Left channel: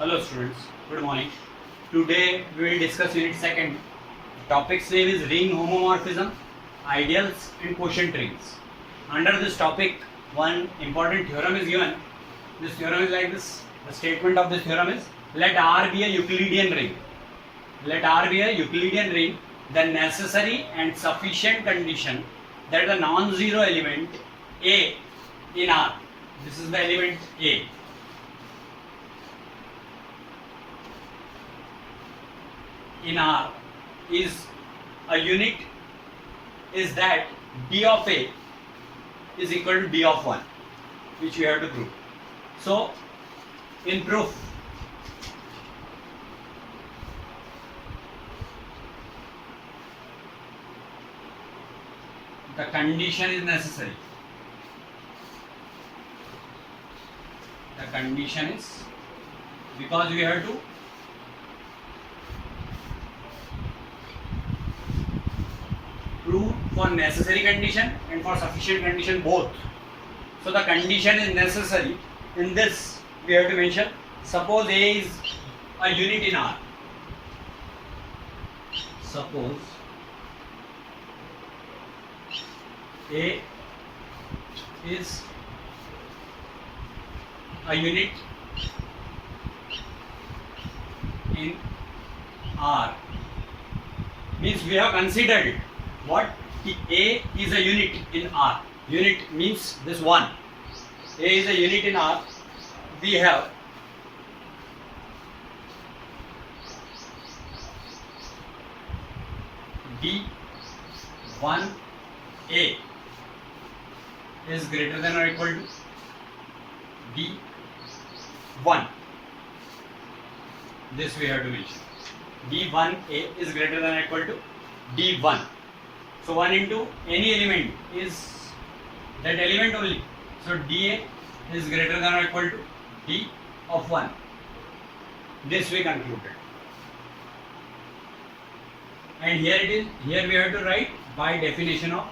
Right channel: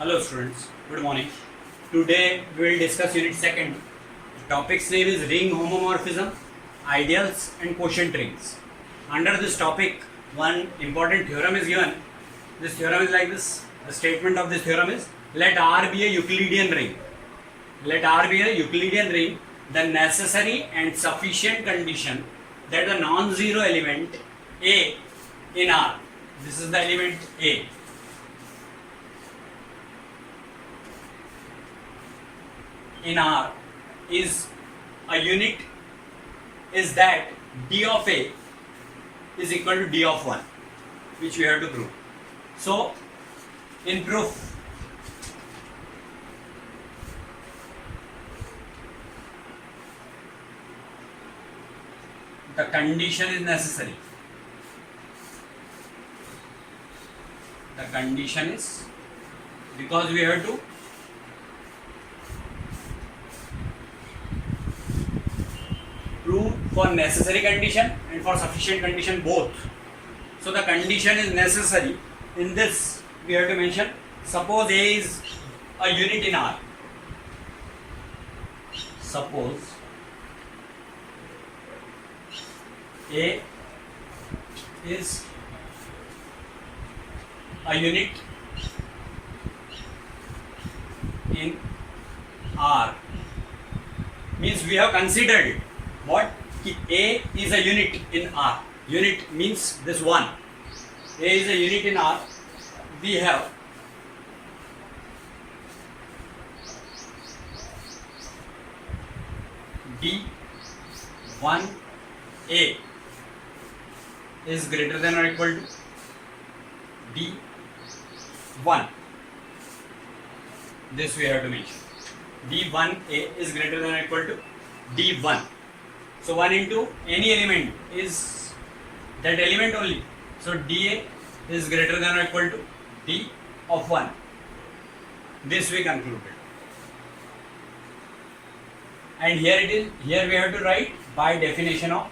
Hello students, good morning. Today we will discuss unit 2nd. Topic's name is ring homomorphism, ideals and quotient rings. Under this topic, one important theorem is given. This theorem is like this. The statement of this theorem is, let R be a Euclidean ring. Let R be a Euclidean ring, the necessary and sufficient condition that the non-zero element A in R, this is the element A, in R is a unit, is that D of A is equal to D of 1, which we have to prove. So, in proof, the condition is necessary. The condition is, because we have to prove for necessary condition and for sufficient condition both. So the condition is necessary. In this we have to mention, suppose A is a unit in R. Suppose A is a unit in R, means we have considered what? A is a unit in R. Unit means this one. A is a unit in R. We have D1A is greater than or equal to D1. This we have to mention. D1A is greater than or equal to D1. So 1 into any element is that element only. So dA is greater than or equal to D of 1. This we concluded. And here it is, here we have to write by definition of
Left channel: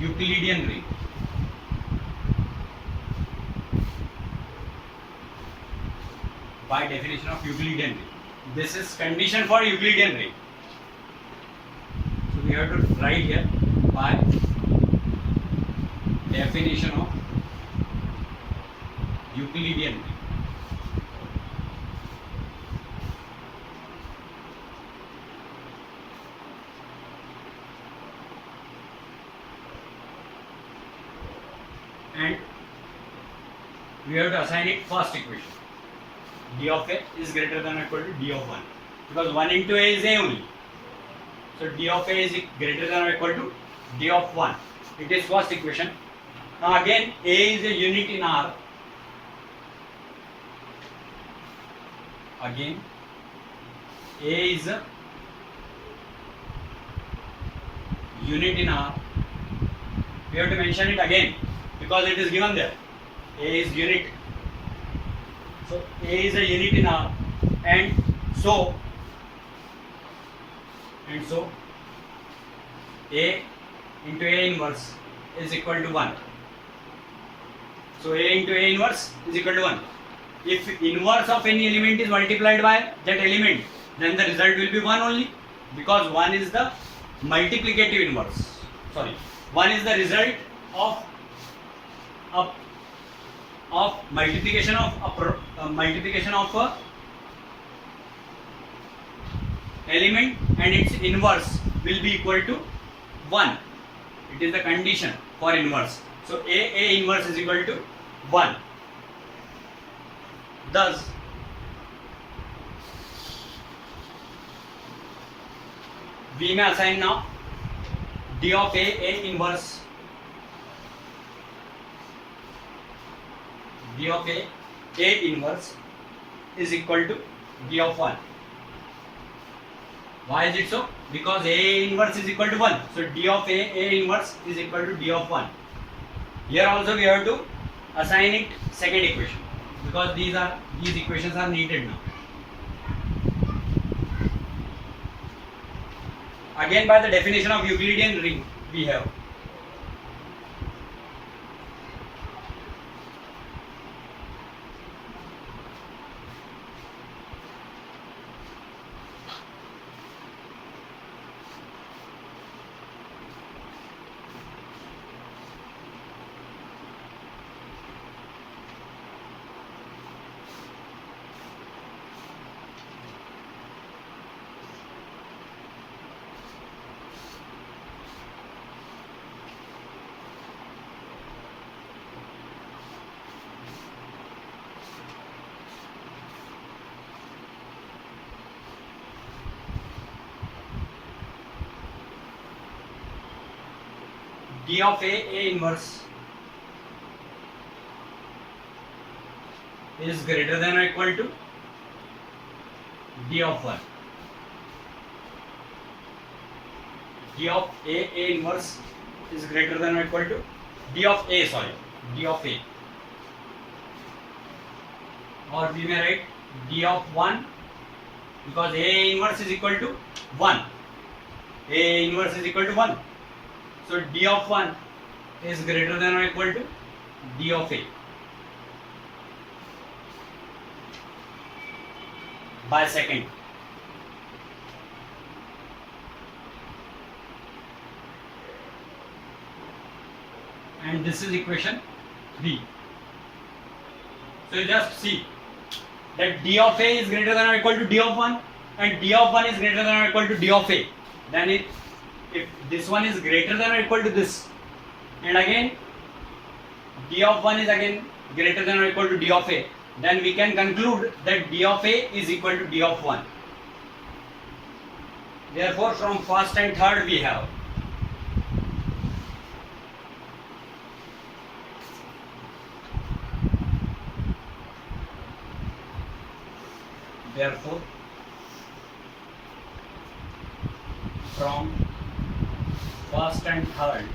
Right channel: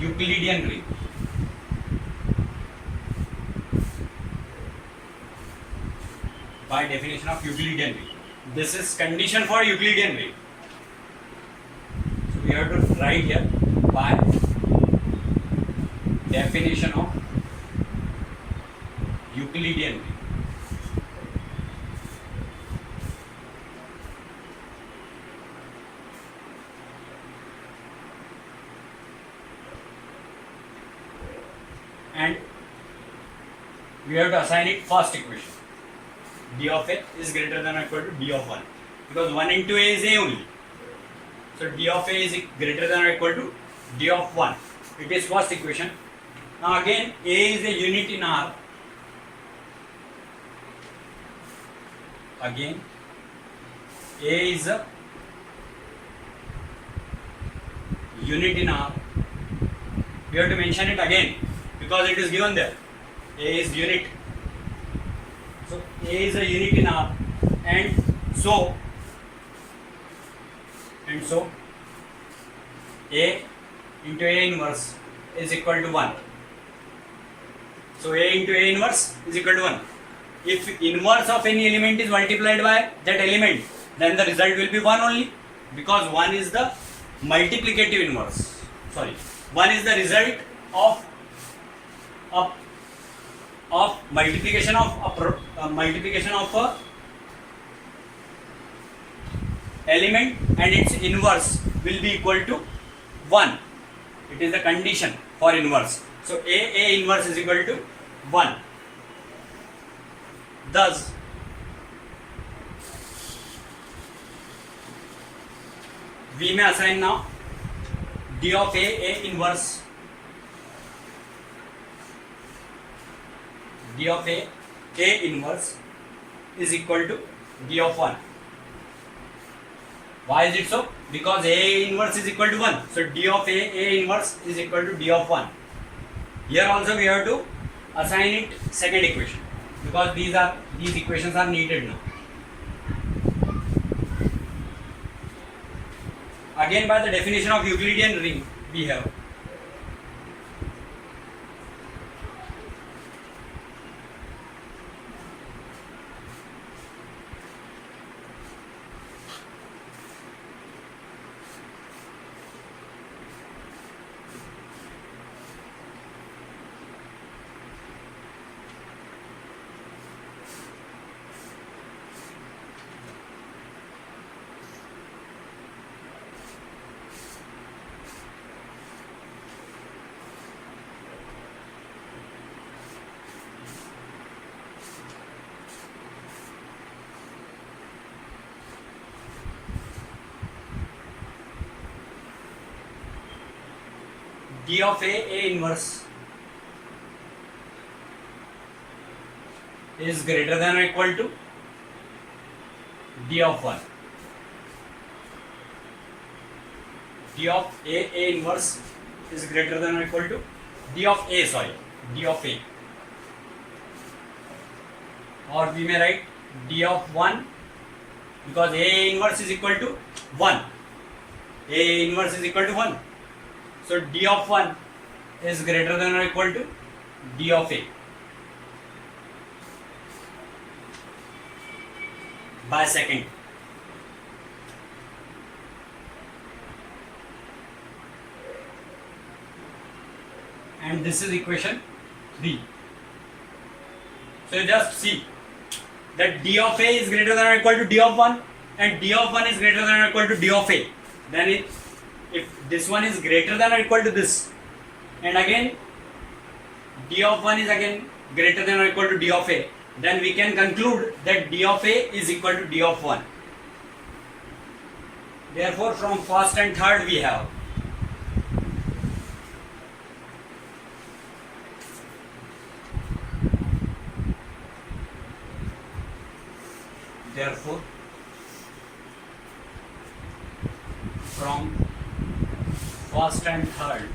Euclidean ring. By definition of Euclidean ring. This is condition for Euclidean ring. So we have to write here by definition of Euclidean ring. And we have to assign it first equation. D of A is greater than or equal to D of 1, because 1 into A is A only. So D of A is greater than or equal to D of 1. It is first equation. Now again, A is a unit in R. Again, A is a unit in R. We have to mention it again because it is given there. A is unit. So A is a unit in R, and so A into A inverse is equal to 1. So A into A inverse is equal to 1. If inverse of any element is multiplied by that element, then the result will be 1 only, because 1 is the multiplicative inverse. 1 is the result of multiplication of a element, and its inverse will be equal to 1. It is the condition for inverse. So A inverse is equal to 1. Thus we may assign now D of A inverse. D of A inverse is equal to D of 1. Why is it so? Because A inverse is equal to 1. So D of A inverse is equal to D of 1. Here also we have to assign it second equation, because these equations are needed now. Again, by the definition of Euclidean ring, we have D of A inverse is greater than or equal to D of 1. D of A inverse is greater than or equal to D of A, D of A. Or we may write D of 1, because A inverse is equal to 1. A inverse is equal to 1. So D of 1 is greater than or equal to D of A. By second. And this is equation 3. So you just see that D of A is greater than or equal to D of 1 and D of 1 is greater than or equal to D of A. Then if this one is greater than or equal to this, and again D of 1 is again greater than or equal to D of A, then we can conclude that D of A is equal to D of 1. Therefore, from first and third we have from first and third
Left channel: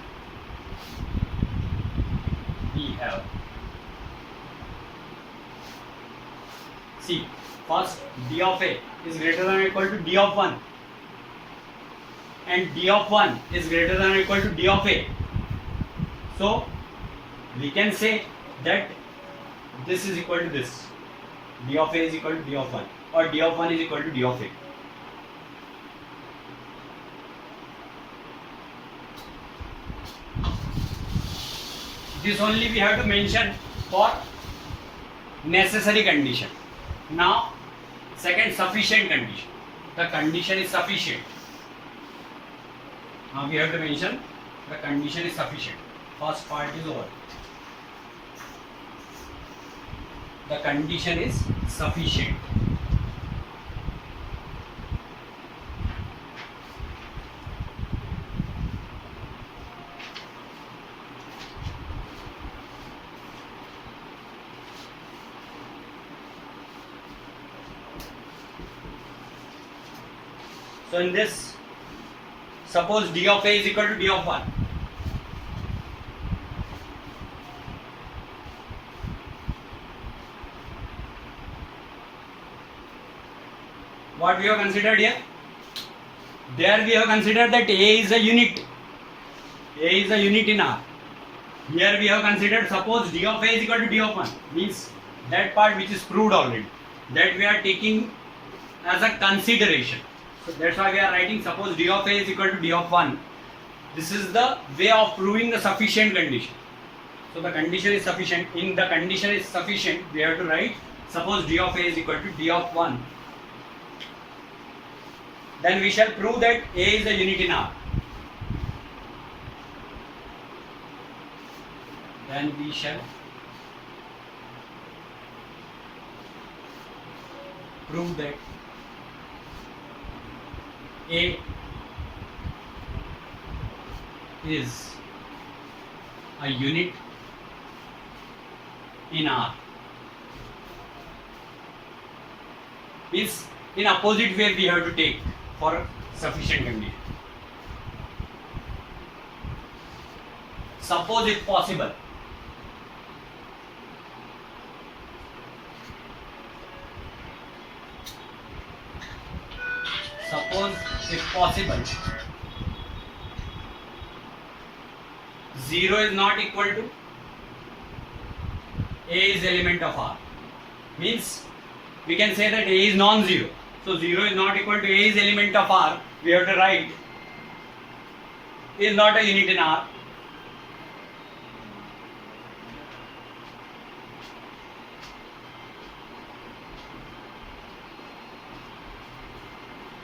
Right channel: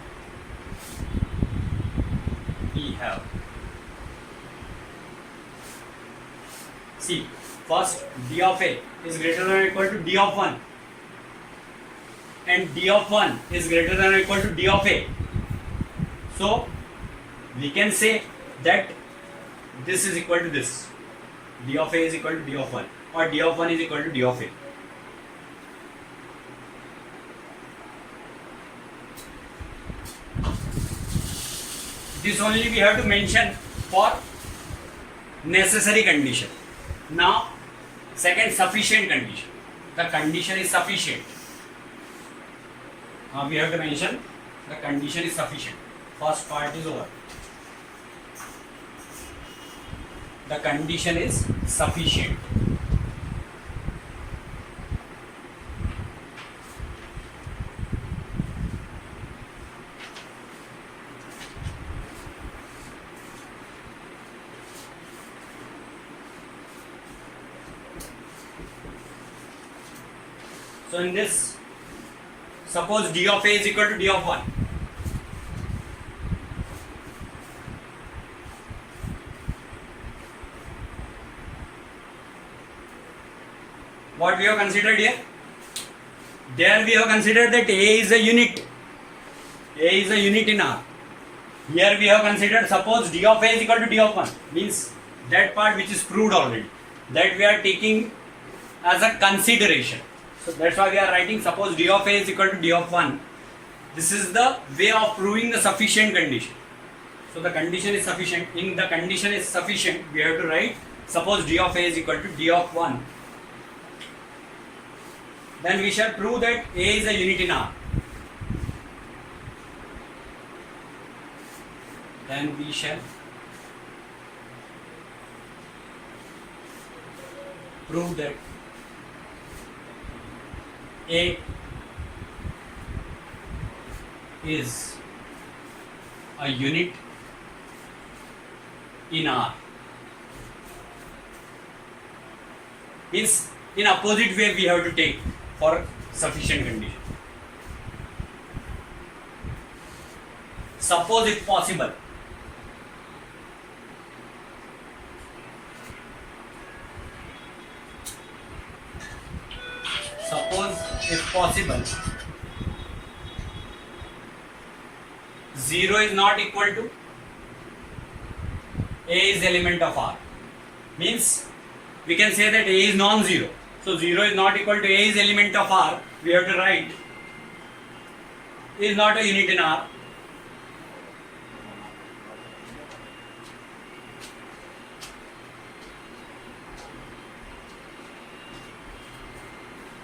we have, see, first D of A is greater than or equal to D of 1 and D of 1 is greater than or equal to D of A. So we can say that this is equal to this. D of A is equal to D of 1 or D of 1 is equal to D of A. This only we have to mention for necessary condition. Now, second, sufficient condition. The condition is sufficient. Now we have to mention the condition is sufficient. First part is over. The condition is sufficient. So in this, suppose D of A is equal to D of 1. What we have considered here? There we have considered that A is a unit. A is a unit in R. Here we have considered, suppose D of A is equal to D of 1. Means that part which is proved already. That we are taking as a consideration. So that's why we are writing, suppose D of A is equal to D of 1. This is the way of proving the sufficient condition. So the condition is sufficient. In the condition is sufficient, we have to write, suppose D of A is equal to D of 1. Then we shall prove that A is a unit in R. Then we shall prove that A is a unit in R. Means in opposite way we have to take for sufficient condition. Suppose if possible, zero is not equal to A is element of R. Means we can say that A is non-zero. So 0 is not equal to A is element of R. We have to write is not a unit in R.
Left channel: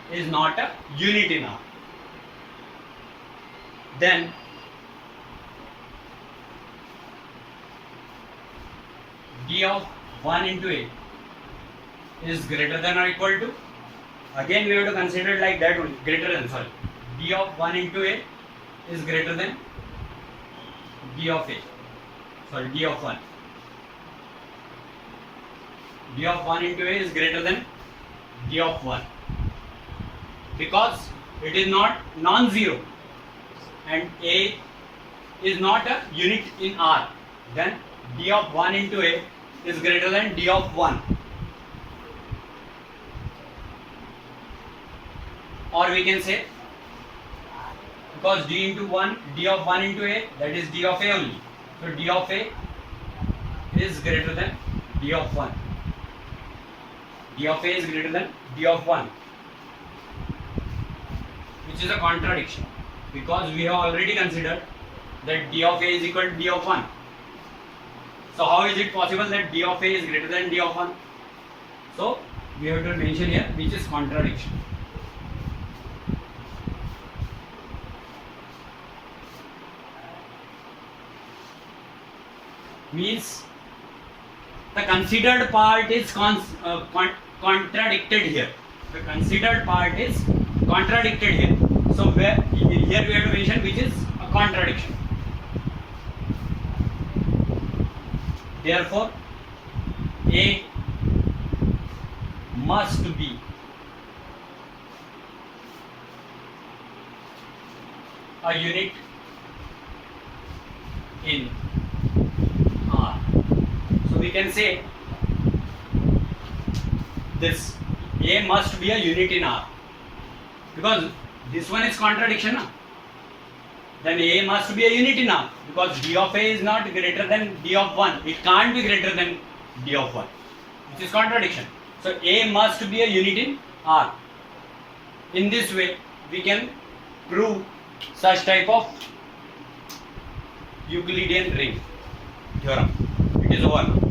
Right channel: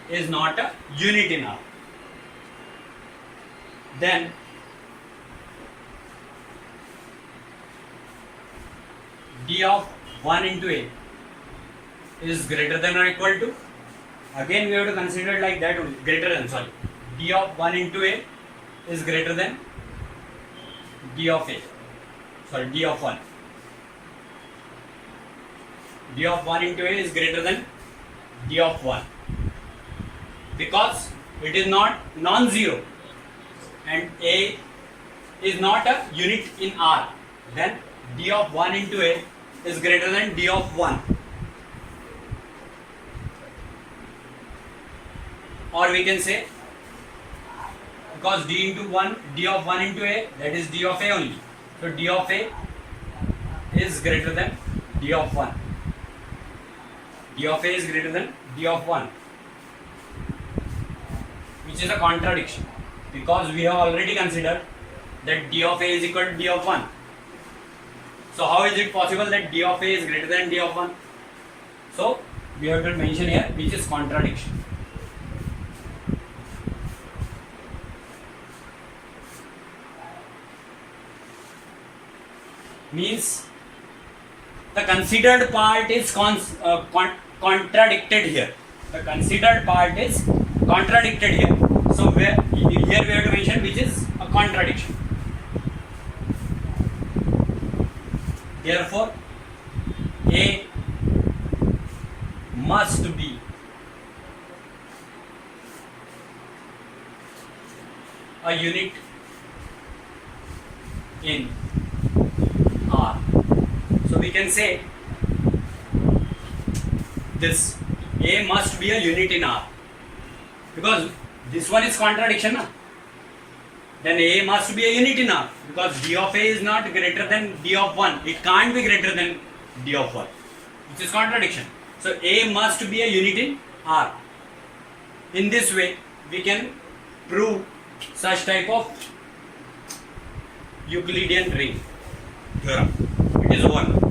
Is not a unit in R. Then D of 1 into A is greater than or equal to, again we have to consider it like that, greater than, D of 1 into A is greater than d of a, sorry, d of 1. D of 1 into a is greater than d of 1 because it is not non-zero and a is not a unit in R. Then d of 1 into a is greater than d of 1. Or we can say, because d into 1, d of 1 into a, that is d of a only. So d of a is greater than d of 1. D of a is greater than d of 1, which is a contradiction because we have already considered that d of a is equal to d of 1. So how is it possible that d of a is greater than d of 1? So we have to mention here which is contradiction. Means the considered part is contradicted here. The considered part is contradicted here. So here we have to mention which is a contradiction. Therefore, a must be a unit in R. So we can say this a must be a unit in R because this one is contradiction, na? Then a must be a unit in R because d of a is not greater than d of 1. It can't be greater than d of 1, which is contradiction. So a must be a unit in R. In this way, we can prove such type of Euclidean ring theorem. It is over.